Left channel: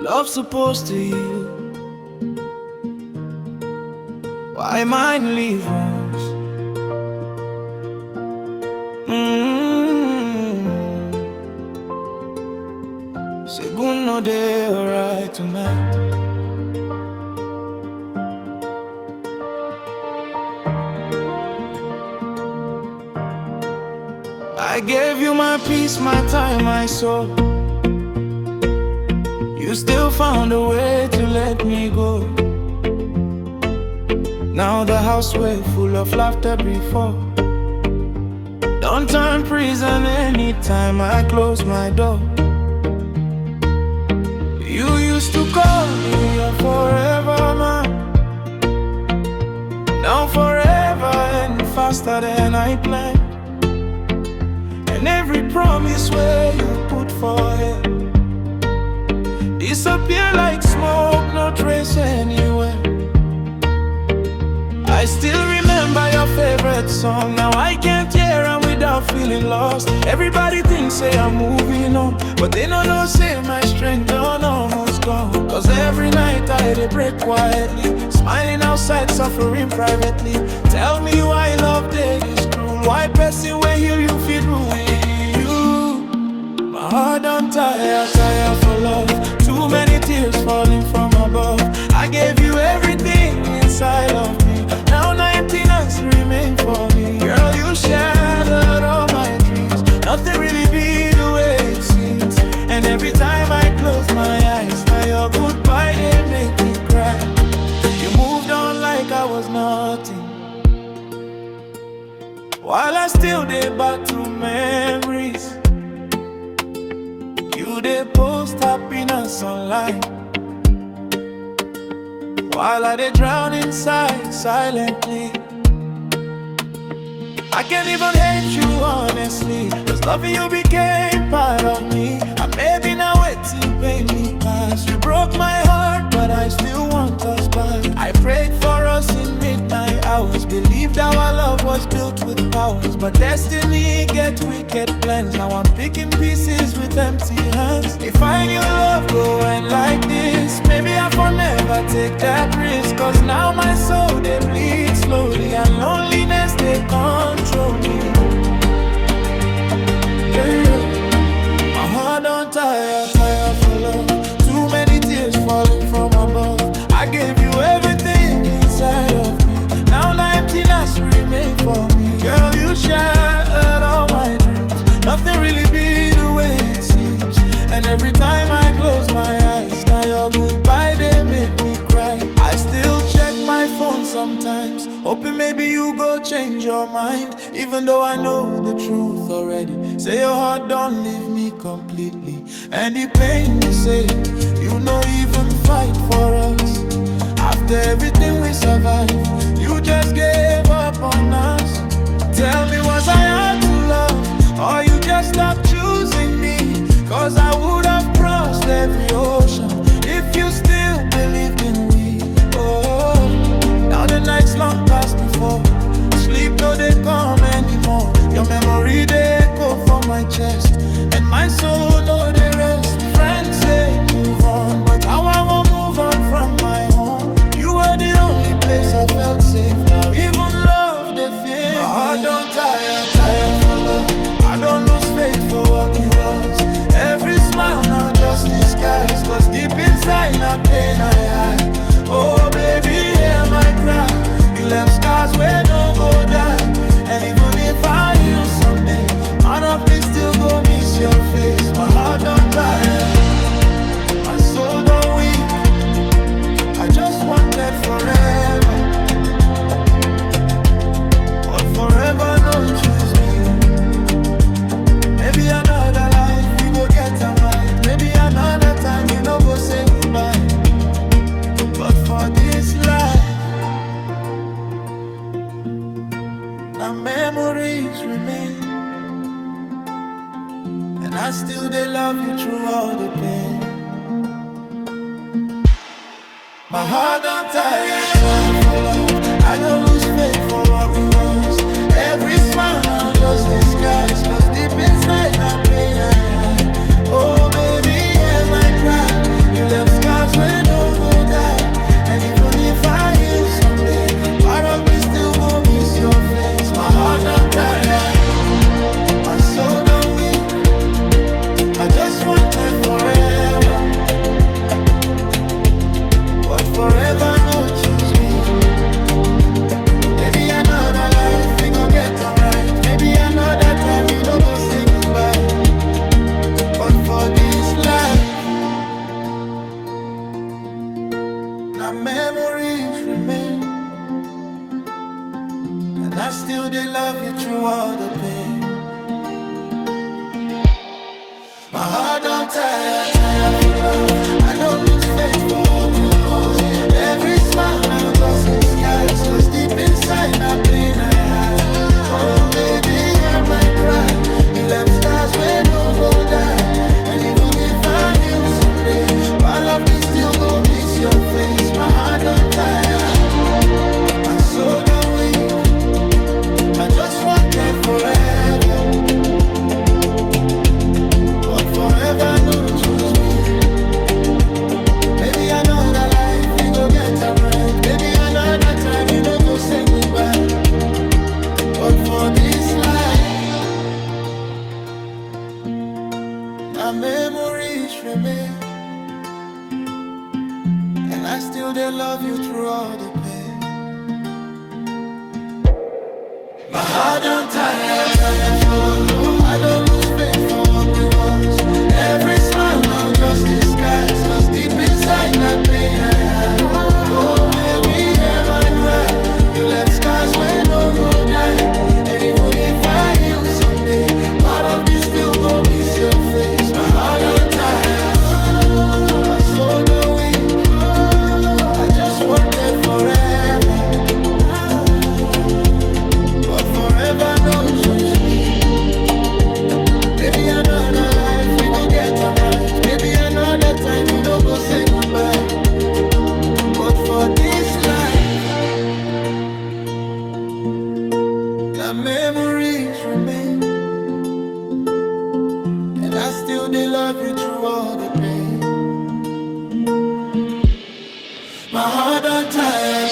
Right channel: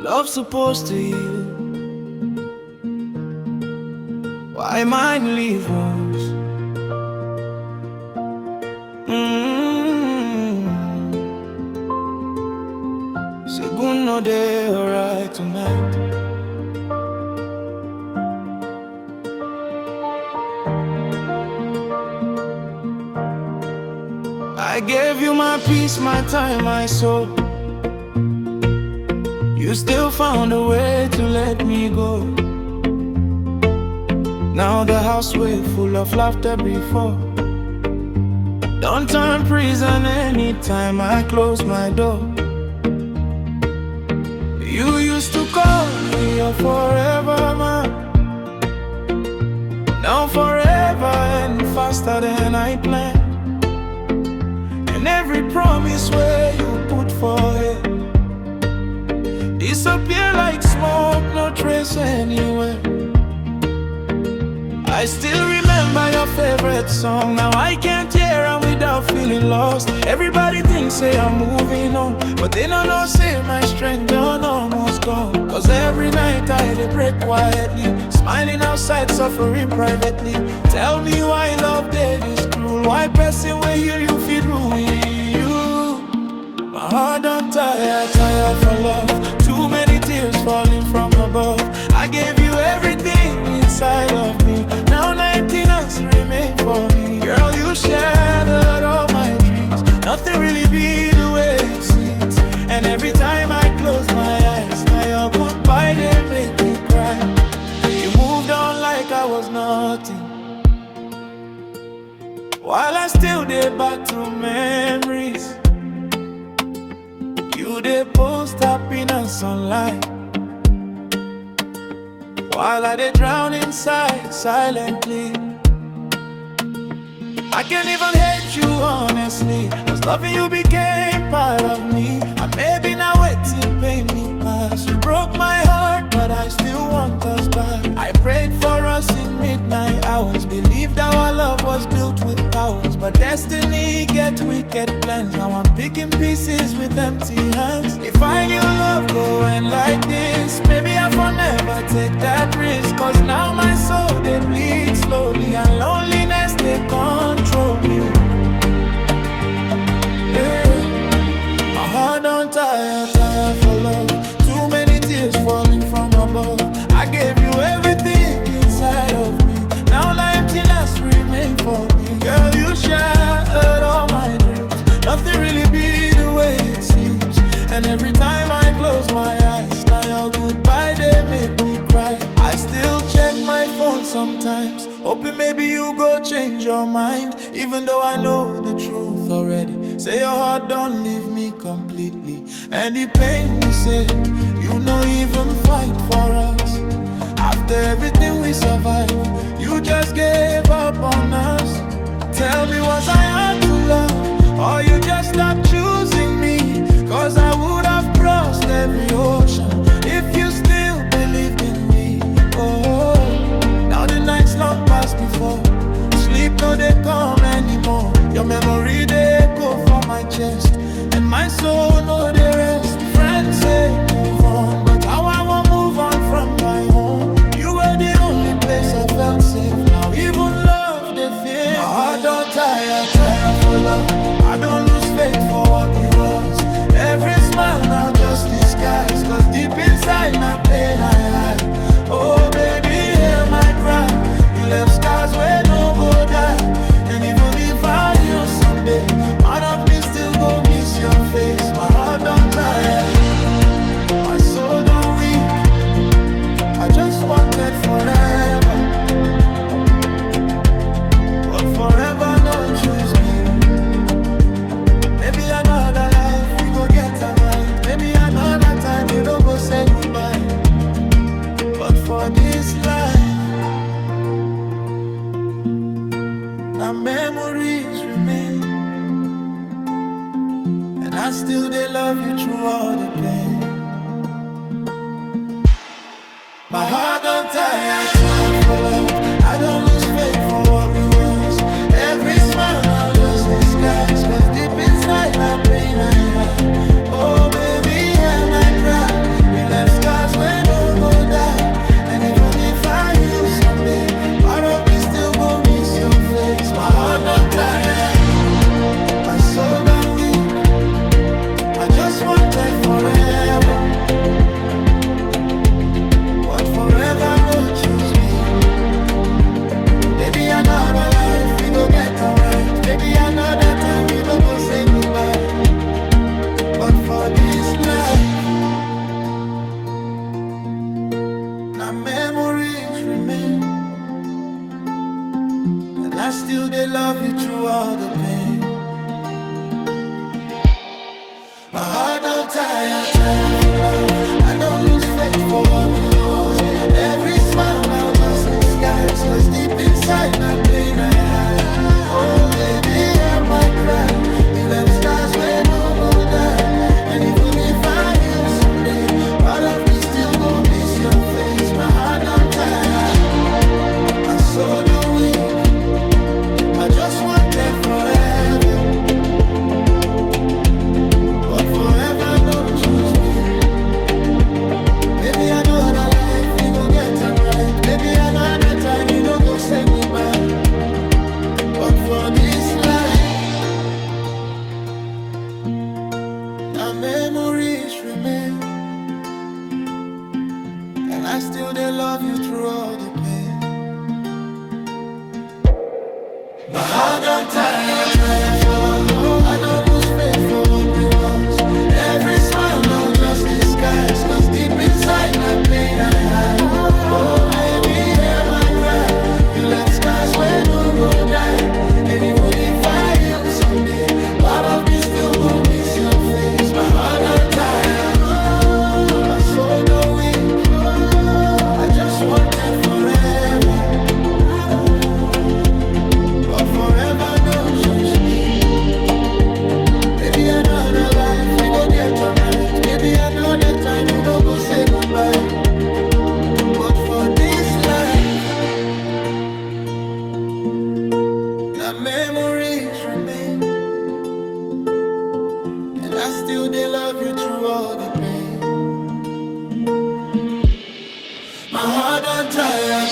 Love's supposed to heal. Why mine leave wounds? Segundo day, alright tonight. I gave you my peace, my time, my soul. You still found a way to let me go. Now the house way full of laughter before. Don't turn prison anytime I close my door. You used to call me your forever man. Now forever and faster than I planned. And every promise where you put forehead disappear like smoke, no trace anywhere. I still remember your favorite song. Now I can't hear them without feeling lost. Everybody thinks say I'm moving on, but they don't know say my strength done almost gone. Cause every night I dey break quietly, smiling outside, suffering privately. Tell me why love dead is cruel. Why person when heal you feel ruin you? My heart don't tire for love. Too many tears falling from above. I gave you everything inside of me. Now emptiness remain for me. Girl, you shattered all my dreams. Nothing really be the way it seems. And every time I close my eyes, now your goodbye they make me cry. You moved on like I was nothing, while I still dey back through memories. You dey post happiness online, while I dey drown inside silently. I can't even hate you honestly, cause loving you became part of me. And maybe now it's in pain me past. You broke my heart, but I still want us back. I prayed for us in midnight hours, believed our love was built with powers. But destiny get wicked plans. Now I'm picking pieces with empty hands. If I knew love go end like this, maybe I for never take that risk. Cause now my soul they bleed slowly, and loneliness they control me. Yeah. My heart don't tire for love. Too many tears falling from above. I gave you everything inside of me. Now the emptiness remain for me. Girl, you shattered all my dreams. Nothing really be the way it seems. And every time I close my eyes, now your goodbye they make me cry. I still check my phone sometimes, hoping maybe you go change your mind. Even though I know the truth already, say your heart don't leave me completely. And the pain you say, you no even fight for us. After everything we survived, you just gave up on us. Tell me, was I hard to love, or you just stopped choosing me? Cause I would have crossed every ocean if you still believed in we. Oh, now the nights long past before. Sleep no they come anymore. Your memory they echo from my chest, and my soul no they rest. Friends say move on, but how I won't move on from my home. You were the only place I felt safe. Now even love they fear. My heart don't tire for love. I don't lose faith for what we was. Every smile now just disguise, cause deep inside now pain I hide. Oh baby, hear my cry. You left scars where no go die. And even if I heal someday, part of me still go miss your face. My heart don't tire, my soul don't weep. I just wanted forever, but forever no choose me. Maybe another life we go get them right. Maybe another time you no go say goodbye. But for this life, our memories remain. And I still they love you through all the pain. My heart don't tire for love. I don't lose faith for what we was. Every smile now just disguise, cause deep inside now pain I hide. Oh baby, hear my cry. You left Now memories remain, and I still they love you through all the pain. My heart don't tire for love. I don't lose faith for what you was. Every smile now just disguise, cause deep inside my pain I hide. Oh baby, hear my cry. You left scars where no go die. And even if I heal someday, part of me still go miss your face. My heart don't tire, my soul don't weak. I just want that forever, but forever no choose me. Maybe another life we go get them right. Maybe another time you no go say goodbye. But for this life, my memories remain, and I still they love you through all the pain. My heart don't tire for love. I don't lose faith for what we was. Every smile now just disguise, cause deep inside my pain I hide. Oh baby, hear my cry. You left scars where no go die. And even if I heal someday, part of me still go miss your face. My heart don't tire, my soul don't weak. I just want that forever, but forever no choose me. Maybe another life we go get them right. Maybe another time you don't go say goodbye. But for this life, the memories remain, and I still they love you through all the pain. My heart don't tire